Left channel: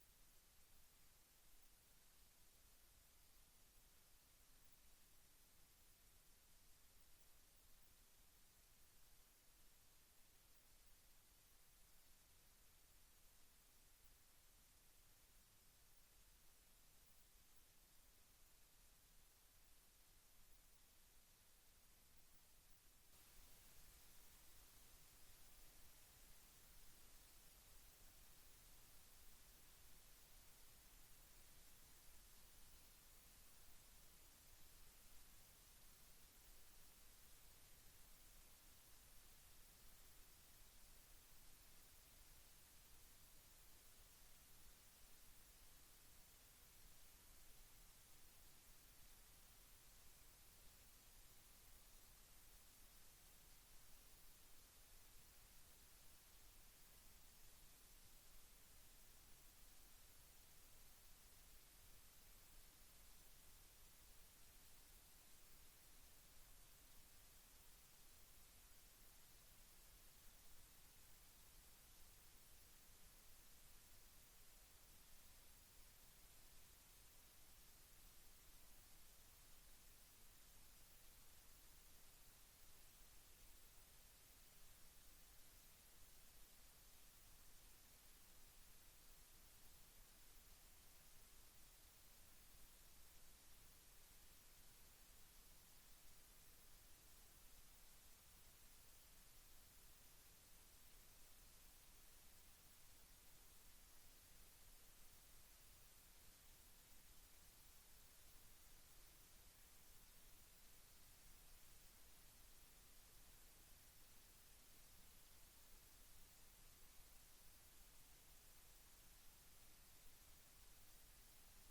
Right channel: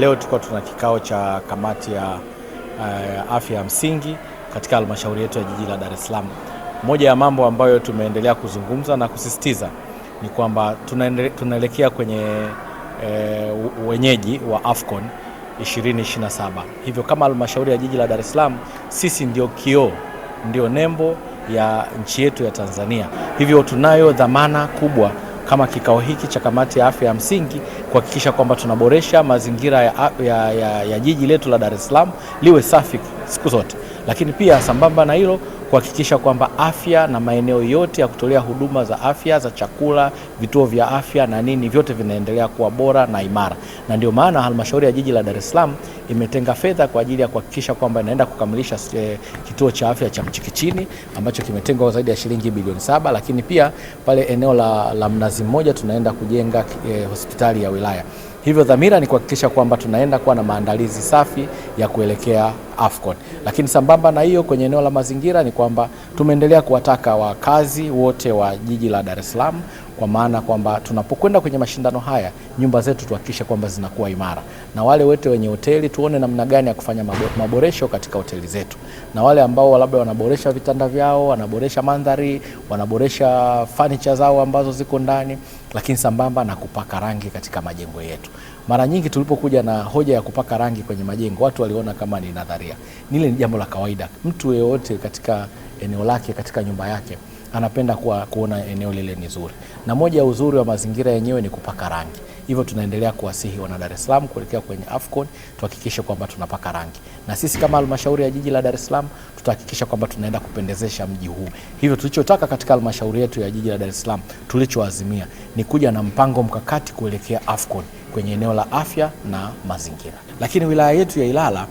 Leo tulikuwa tuna kikao cha kamati ya afya ya msingi katika halmashauri yetu ya jiji la Dar es Salaam. Moja ya mambo ambayo tumeendelea kuzungumza na kusisitiza ni kwamba tunaelekea kwenye wenyeji wa AFCON 2027. Hivyo kama halmashauri ya jiji la Dar es Salaam, sisi ndio kioo, ndio nembo ya nchi yetu ya Tanzania. Hivyo tunayo dhamana kubwa kama kikao hiki cha kamati ya afya ya msingi kuhakikisha kwamba tunaboresha mazingira ya jiji letu la Dar es Salaam liwe safi siku zote, lakini pia sambamba na hilo kuhakikisha kwamba afya na maeneo yote ya kutolea huduma za afya za chakula, vituo vya afya na nini vyote vinaendelea kuwa bora na imara. Na ndio maana halmashauri ya jiji la Dar es Salaam imetenga fedha kwa ajili ya kuhakikisha kwamba inaenda kukamilisha kituo cha afya cha Mchikichini ambacho kimetengwa zaidi ya shilingi bilioni 7, lakini pia pale eneo la Mnazi Mmoja tunaenda kujenga hospitali ya wilaya. Hivyo dhamira ni kuhakikisha kwamba tunaenda kuwa na maandalizi safi ya kuelekea AFCON. Lakini sambamba na hiyo, kwenye eneo la mazingira ni kwamba tumeendelea kuwataka wakazi wote wa jiji la Dar es Salaam, kwa maana kwamba tunapokwenda kwenye mashindano haya, nyumba zetu tuhakikishe kwamba zinakuwa imara, na wale wote wenye hoteli tuone namna gani ya kufanya maboresho katika hoteli zetu, na wale ambao labda wanaboresha vitanda vyao, wanaboresha mandhari, wanaboresha furniture zao ambazo ziko ndani, lakini sambamba na kupaka rangi katika majengo yetu. Mara nyingi tulipokuja na hoja ya kupaka rangi kwenye majengo, watu waliona kama ni nadharia. Nile ni jambo la kawaida. Mtu yeyote katika eneo lake, katika nyumba yake, anapenda kuona eneo lile ni zuri. Na moja ya uzuri wa mazingira yenyewe ni kupaka rangi. Hivyo tunaendelea kuwasihi wana Dar es Salaam kuelekea kwenye AFCON, tuhakikishe kwamba tunapaka rangi. Na sisi kama halmashauri ya jiji la Dar es Salaam tutahakikisha kwamba tunaenda kupendezesha mji huu. Hivyo tulichotaka katika halmashauri yetu ya jiji la Dar es Salaam, tulichoazimia ni kuja na mpango mkakati kuelekea AFCON kwenye eneo la afya na mazingira. Lakini wilaya yetu ya Ilala,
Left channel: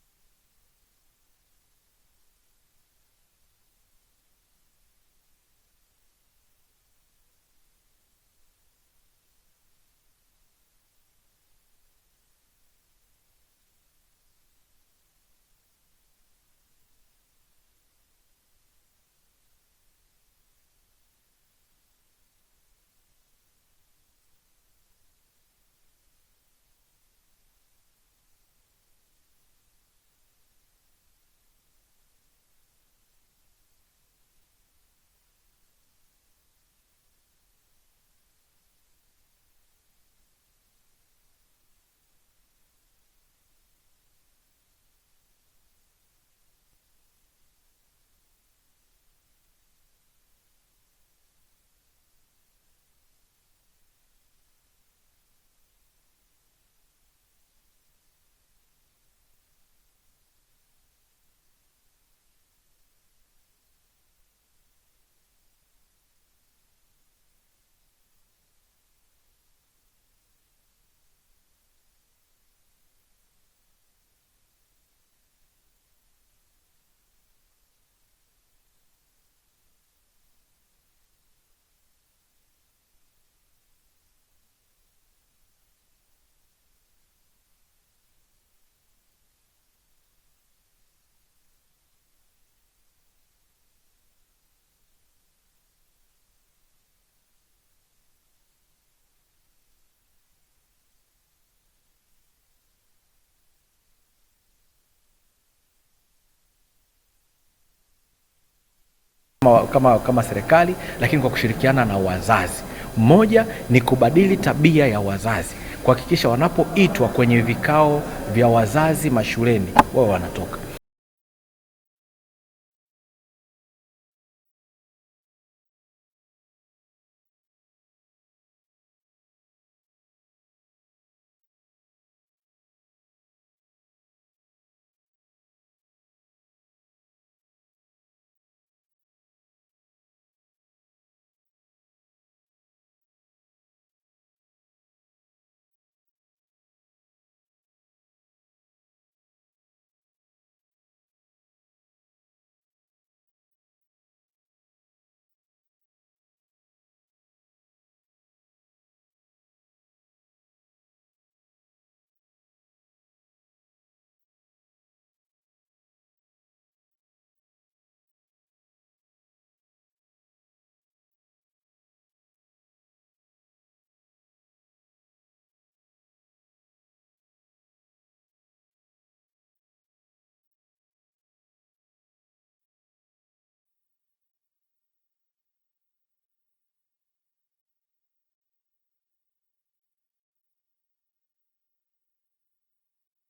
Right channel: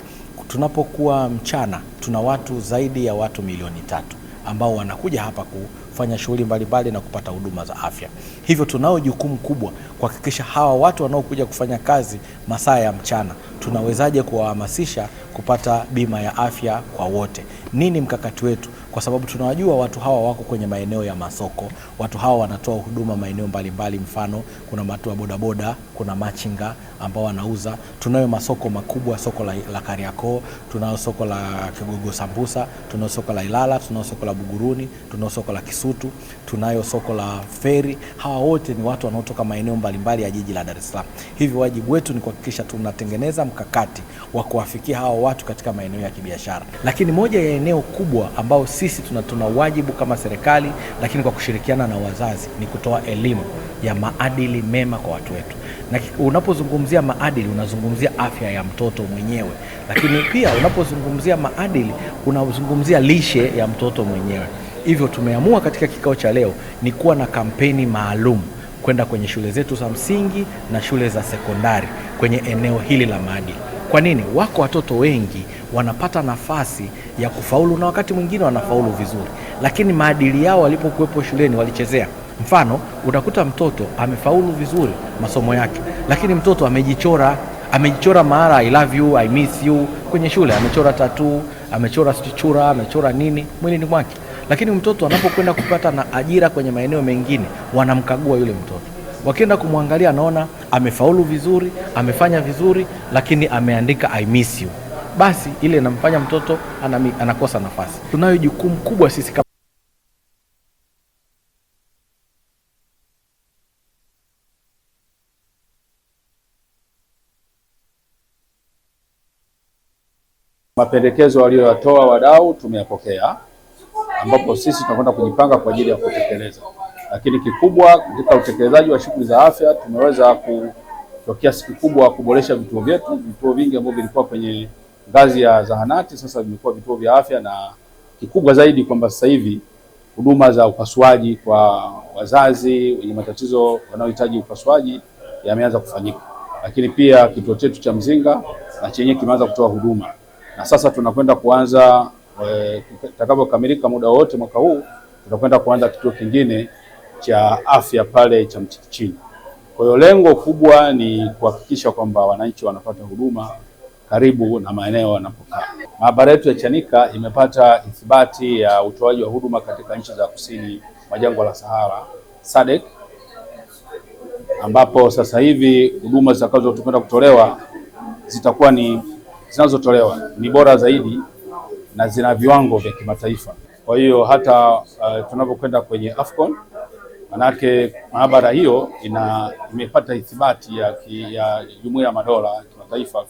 tunapokuwa mchana, tuna watu zaidi ya watu milioni 3 ambao wanakuja hapa kufanya shughuli mbalimbali na kupata huduma za afya. Hivyo tunao jukumu kubwa kuhakikisha hawa watu wanaokuja kufanya kazi masaa ya mchana, tunawezaje kuwahamasisha kupata bima ya afya kwa wote. Nini mkakati wetu? Kwa sababu tunawajua watu hawa wako kwenye maeneo ya masoko, watu hawa wanatoa huduma maeneo mbalimbali, mfano kuna watu wa bodaboda, kuna machinga ambao wanauza. Tunayo masoko makubwa, soko la Kariakoo, tunao soko la Kigogo Sambusa, tunao soko la Ilala, tunao soko la Buguruni, tunao soko la Kisutu, tunayo soko la Feri. Hawa wote ni watu wanaotoka maeneo mbalimbali ya jiji la Dar es Salaam. Hivyo wajibu wetu ni kuhakikisha tunatengeneza mkakati wa kuwafikia hawa watu katika maeneo ya kibiashara. Lakini moja ya eneo kubwa ambao sisi tuna wajibu kama serikali, lakini kwa kushirikiana na wazazi, ni kutoa elimu ya maadili mema kwa watu wetu. Na unapozungumzia maadili, unazungumzia afya ya mtoto mwenyewe, lakini pia unapozungumzia maadili, unazungumzia lishe ya mtoto mwenyewe. Hivyo tumeamua katika kikao cha leo ni kuwa na kampeni maalum kwenda kwenye shule zetu za msingi na shule za sekondari kwenye eneo hili la maadili. Kwa nini? Wako watoto wengi wanapata nafasi ya kufaulu na wakati mwingine wanafaulu vizuri, lakini maadili yao walipokuwepo shuleni walichezea. Mfano, utakuta mtoto amefaulu vizuri masomo yake, lakini mtoto amejichora mahali I love you, I miss you kwenye shule, amechora tattoo, amechora stichura, amechora nini mwilini mwake. Lakini mtoto anapokwenda kupata na ajira kwenye maeneo mengine, wanamkagua yule mtoto. Wakienda kumwangalia, anaona amefaulu vizuri, amefanya vizuri, lakini ameandika I miss you. Basi ile inamfanya mtoto anakosa nafasi. Tunayo jukumu kubwa sisi kama serikali, lakini kwa kushirikiana na wazazi. Moja ni kubadili tabia ya wazazi, kuhakikisha wanapoitwa kwenye vikao vya wazazi mashuleni, wao wanatoka. Mapendekezo walioyatoa wadau tumeyapokea, ambapo sisi tunakwenda kujipanga kwa ajili ya kutekeleza. Lakini kikubwa katika utekelezaji wa shughuli za afya, tumeweza kwa kiasi kikubwa kuboresha vituo vyetu. Vituo vingi ambavyo vilikuwa kwenye ngazi ya zahanati sasa vimekuwa vituo vya afya, na kikubwa zaidi kwamba sasa hivi huduma za upasuaji kwa wazazi wenye matatizo wanaohitaji upasuaji yameanza kufanyika. Lakini pia kituo chetu cha Mzinga na chenye kimeanza kutoa huduma, na sasa tunakwenda kuanza itakapokamilika muda wote mwaka huu, tutakwenda kuanza kituo kingine cha afya pale cha Mchikichini. Kwa hiyo lengo kubwa ni kuhakikisha kwamba wananchi wanapata huduma karibu na maeneo wanapokaa. Maabara yetu ya Chanika imepata ithibati ya utoaji wa huduma katika nchi za kusini mwa jangwa la Sahara SADC, ambapo sasa hivi huduma zitakazokwenda kutolewa zitakuwa ni zinazotolewa ni bora zaidi na zina viwango vya kimataifa. Kwa hiyo hata tunapokwenda kwenye AFCON, manake maabara hiyo imepata ithibati ya Jumuiya ya Madola kimataifa.